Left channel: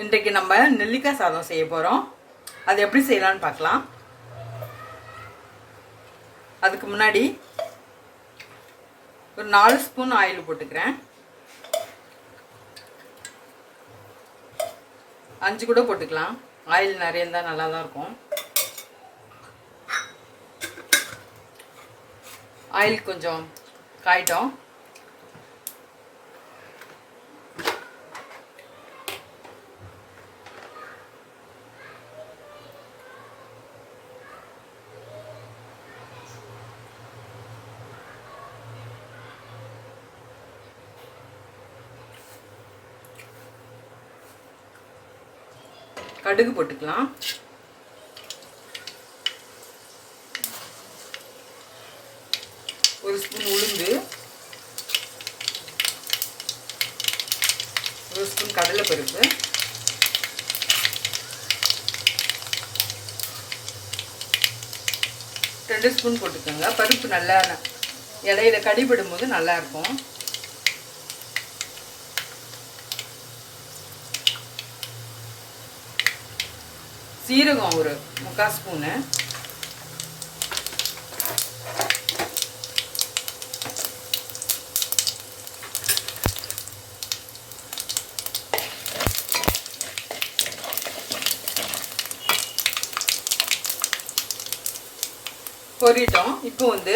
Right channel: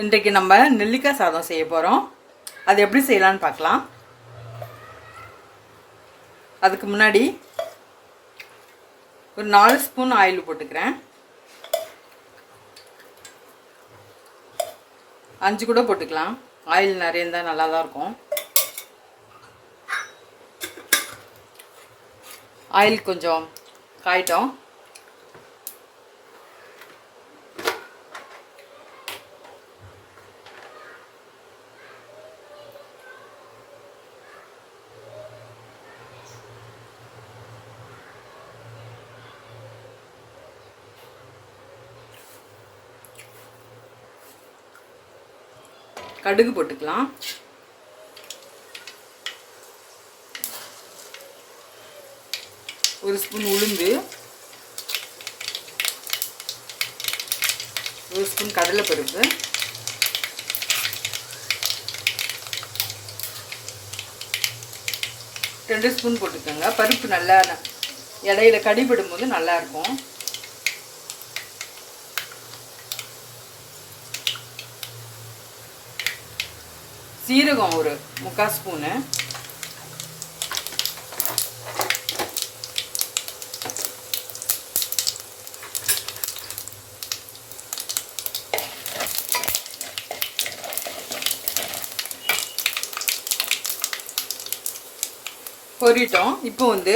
இன்றைக்கு நம்ம நெல்லிக்காய் சாதம் செய்ய போகிறோம் அது எப்படி செய்யலாம்னு பார்க்கலாம். அதுக்கு முன்னாடி ஒரு நாலு ஸ்பூன் ஆயில் போட்டுக்கிறேன். அஞ்சு கூட போட்டுக்கலாம். ஆயில் நிறைய இருந்தால் நல்லா தான் இருக்கும். ஆயில் கொஞ்சம் காயிட்டோம். கடுகு போட்டுக்கலாம். ஒரு ஸ்பூன் உளுந்து. ஒரு ஸ்பூன் கடலைப்பருப்பு. ரெண்டு ஸ்பூன் போட்டுக்கோங்க. பருப்பு நல்லா இடையில கடிபடும் போது நல்லா சீரகம் ஒரு முக்கால் ஸ்பூனு. பொரிட்டோம். இப்போ வந்து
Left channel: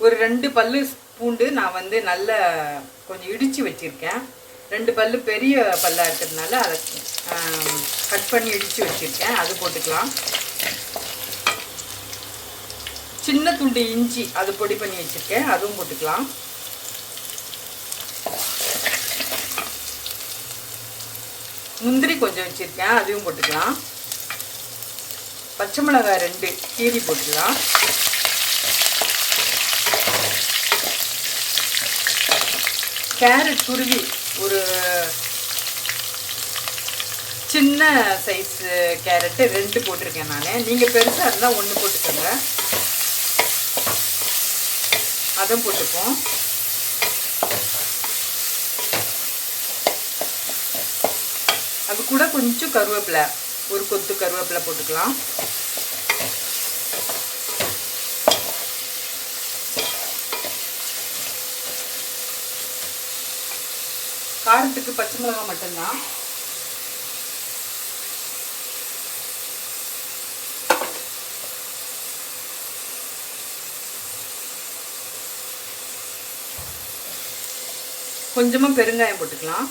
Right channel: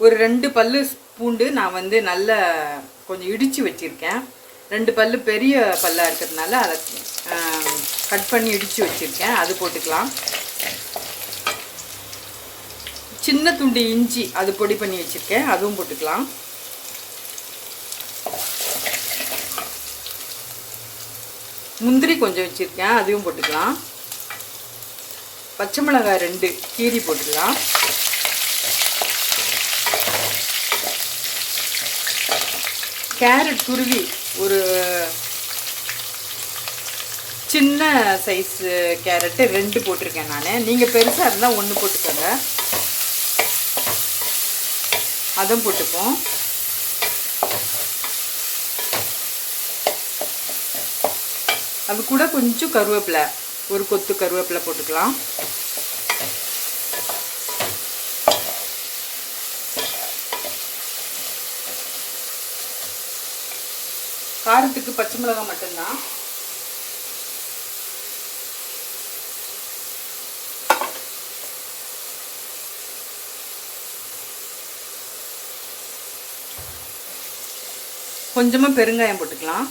ஒரு ரெண்டு பல்லு பூண்டு நான் வந்து நல்ல கொஞ்சம் இடித்து வச்சுருக்கேன். ரெண்டு பல்லு பெரிய பல்லாக இருக்கிறதுனால அதை கட் பண்ணி இடித்து வச்சுருக்கேன். அது போட்டுக்கலாம். சின்ன துண்டு இஞ்சி அது பொடி பண்ணி வச்சுருக்கேன். அதுவும் போட்டுக்கலாம். முந்திரி கொஞ்சம் வச்சுருக்கேன். அதையும் போட்டுக்கலாம். பச்சை மிளகாய் ரெண்டு கீரி போட்டுக்கலாம். கேரட் துருவி ஒரு சின்ன சைஸு கேரட்டு ரெண்டு போட்டிருக்கேன் நான். நீங்கள் பெருசாக இருந்தால் ஒன்று போட்டுக்கோங்க. அதுவும் போட்டுப்போம். அது கூட கொஞ்சம் கருவேப்பிலை. ஒரு கொத்து கருவேப்பிலை போட்டுக்கலாம். காரத்துக்கு பச்சை மிளகாய் மட்டும்தான். கொஞ்சமாக பெருங்காயம் போட்டுக்கலாம்.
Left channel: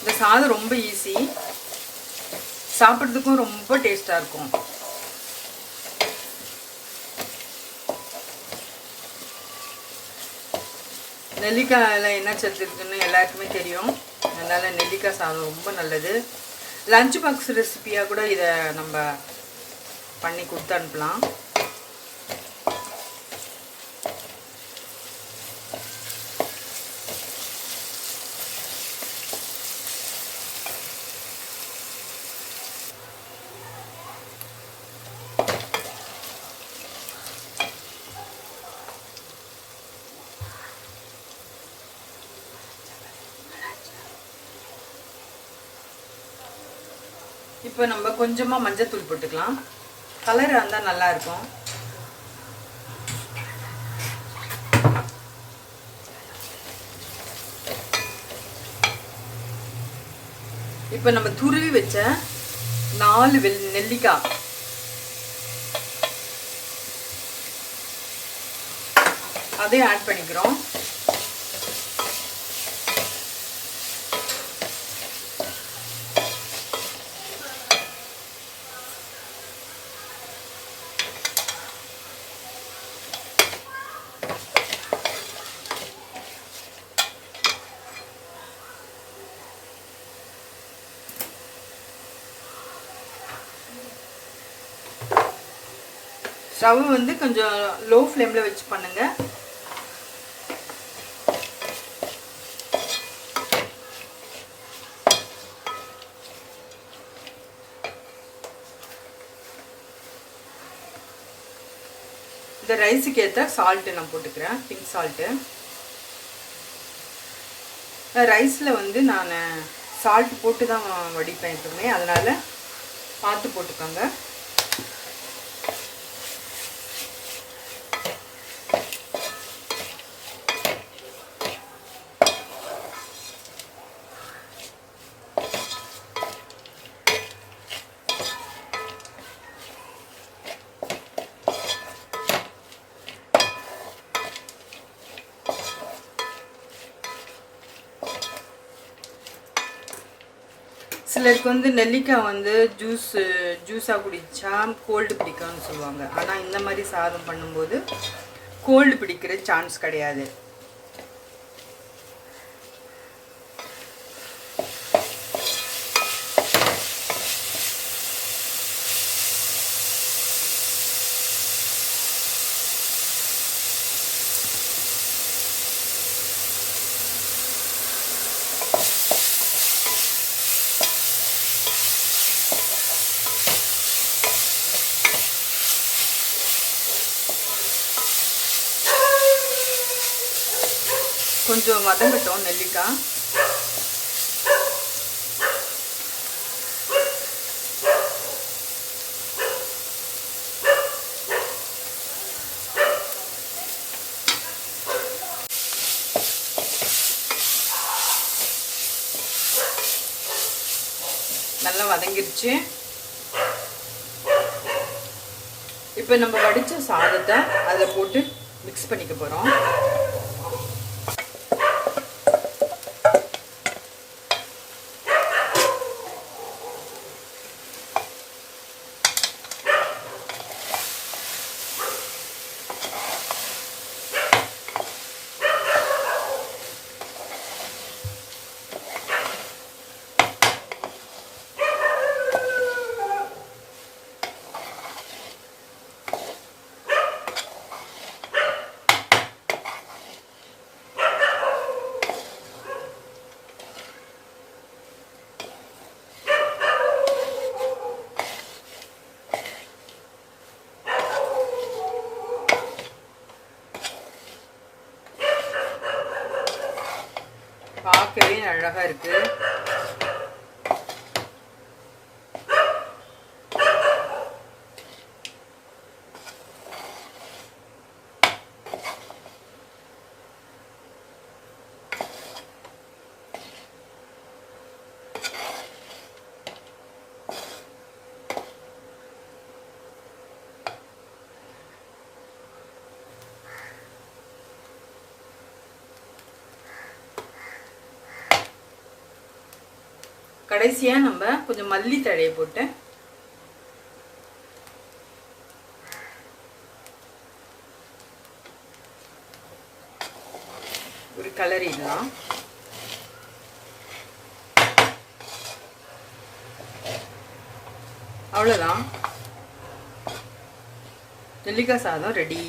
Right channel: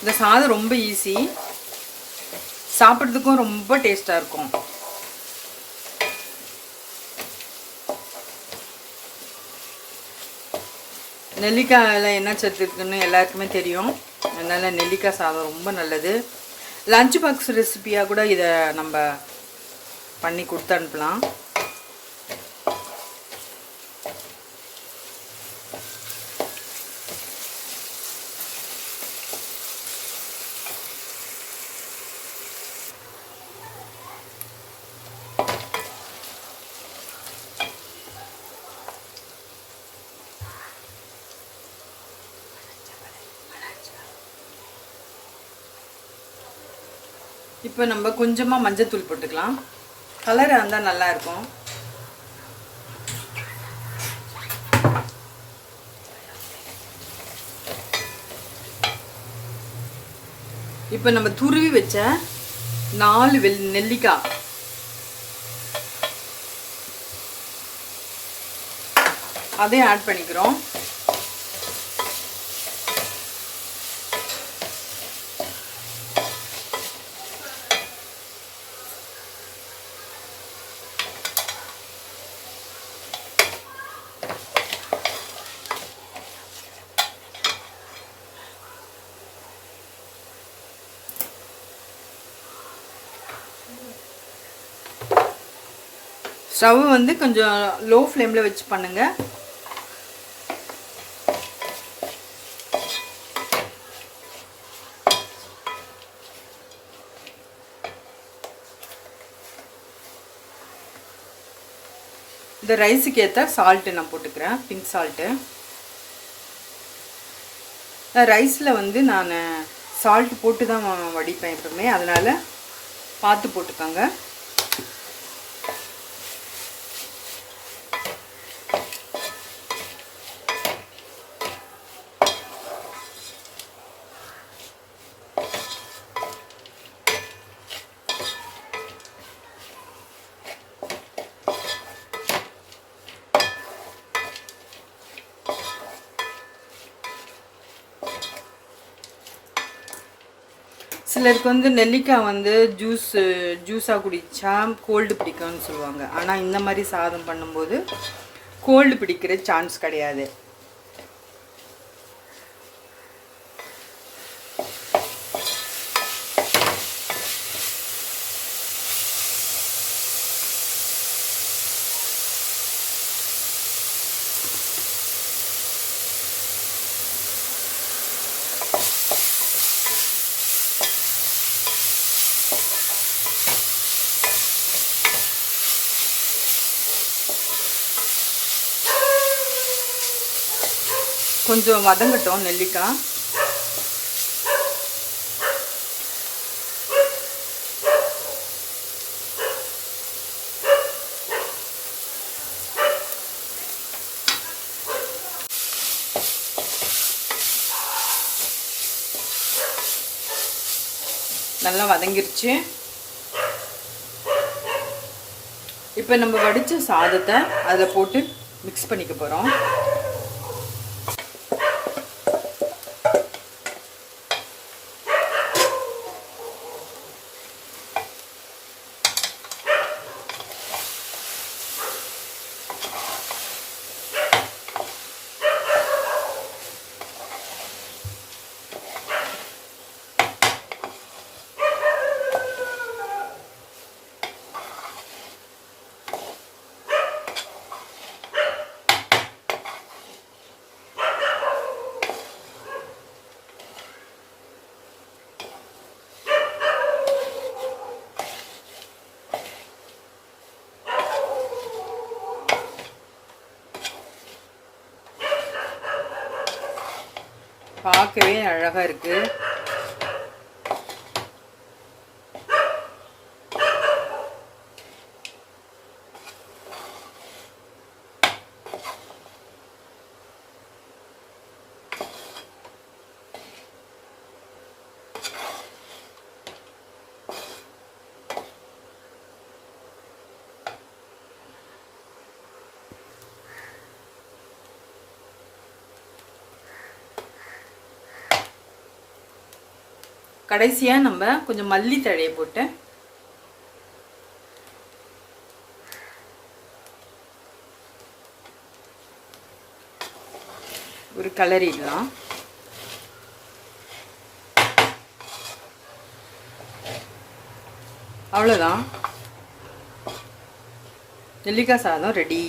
இந்த சாதம் ரொம்ப ஈஸி சாப்பிட்றதுக்கும் ரொம்ப டேஸ்ட்டாக இருக்கும். நெல்லிக்காயில் என்ன சத்து இருக்குன்னு எல்லாருக்குமே தெரியும். அதனால் நெல்லிக்காய் சாதம் ரொம்ப நல்லது. லஞ்ச் பாக்ஸ் ரெசிபியாக கூட இதை நம்ம பண்ணி கொடுத்து அனுப்பலாம். இப்போ நம்ம கொஞ்சமாக மஞ்சத்தூள் போட்டுக்கலாம். கலராக இருந்தால் நல்லா இருக்கும் இப்போ நம்ம துருவி வச்ச நாலு வெள் நெல்லிக்காய். அதையும் ஆட் பண்ணிக்கிறோம். ஸ்டவ் வந்து கொஞ்சம் லோ ஃப்ளேமில் வச்சு பண்ணுங்கள் இந்த ரைஸுக்கு ஏற்ற சால்ட்டு நான் போட்டுக்கிறேன் பிங்க் சால்ட்டு ரைஸில் வந்து நான் சால்ட் போட்டு தான் வடிப்பேன் எப்பவுமே அதனால் பார்த்து போட்டுக்கோங்க. சிலருக்கு வந்து நெல்லிக்காய் வந்து ஜூஸ் ஜூஸாக குடித்தா கோல்டு பிடிக்கும்னு சொல்லுவாங்க. ஆனால் இந்த மாதிரி சாதம் பண்ணும்போது கோல்டு பிடிக்கிற சான்ஸ் கிடையாது. கொஞ்சம் வதங்கட்டும் நெல்லிக்காய். நல்லா வதங்கிருச்சு. இப்போ நம்ம வடித்த சாதத்தை அதில் போட்டு மிக்ஸ் பண்ணிக்க போகிறோம் பார்க்கவே அழகா இருக்கு. கடைசியா நம்ம கொஞ்சம் மல்லி தழையை போட்டு ஒரு கலரிடலாம் அவ்வளோதான் நெல்லிக்காய் சாதம் ரெடி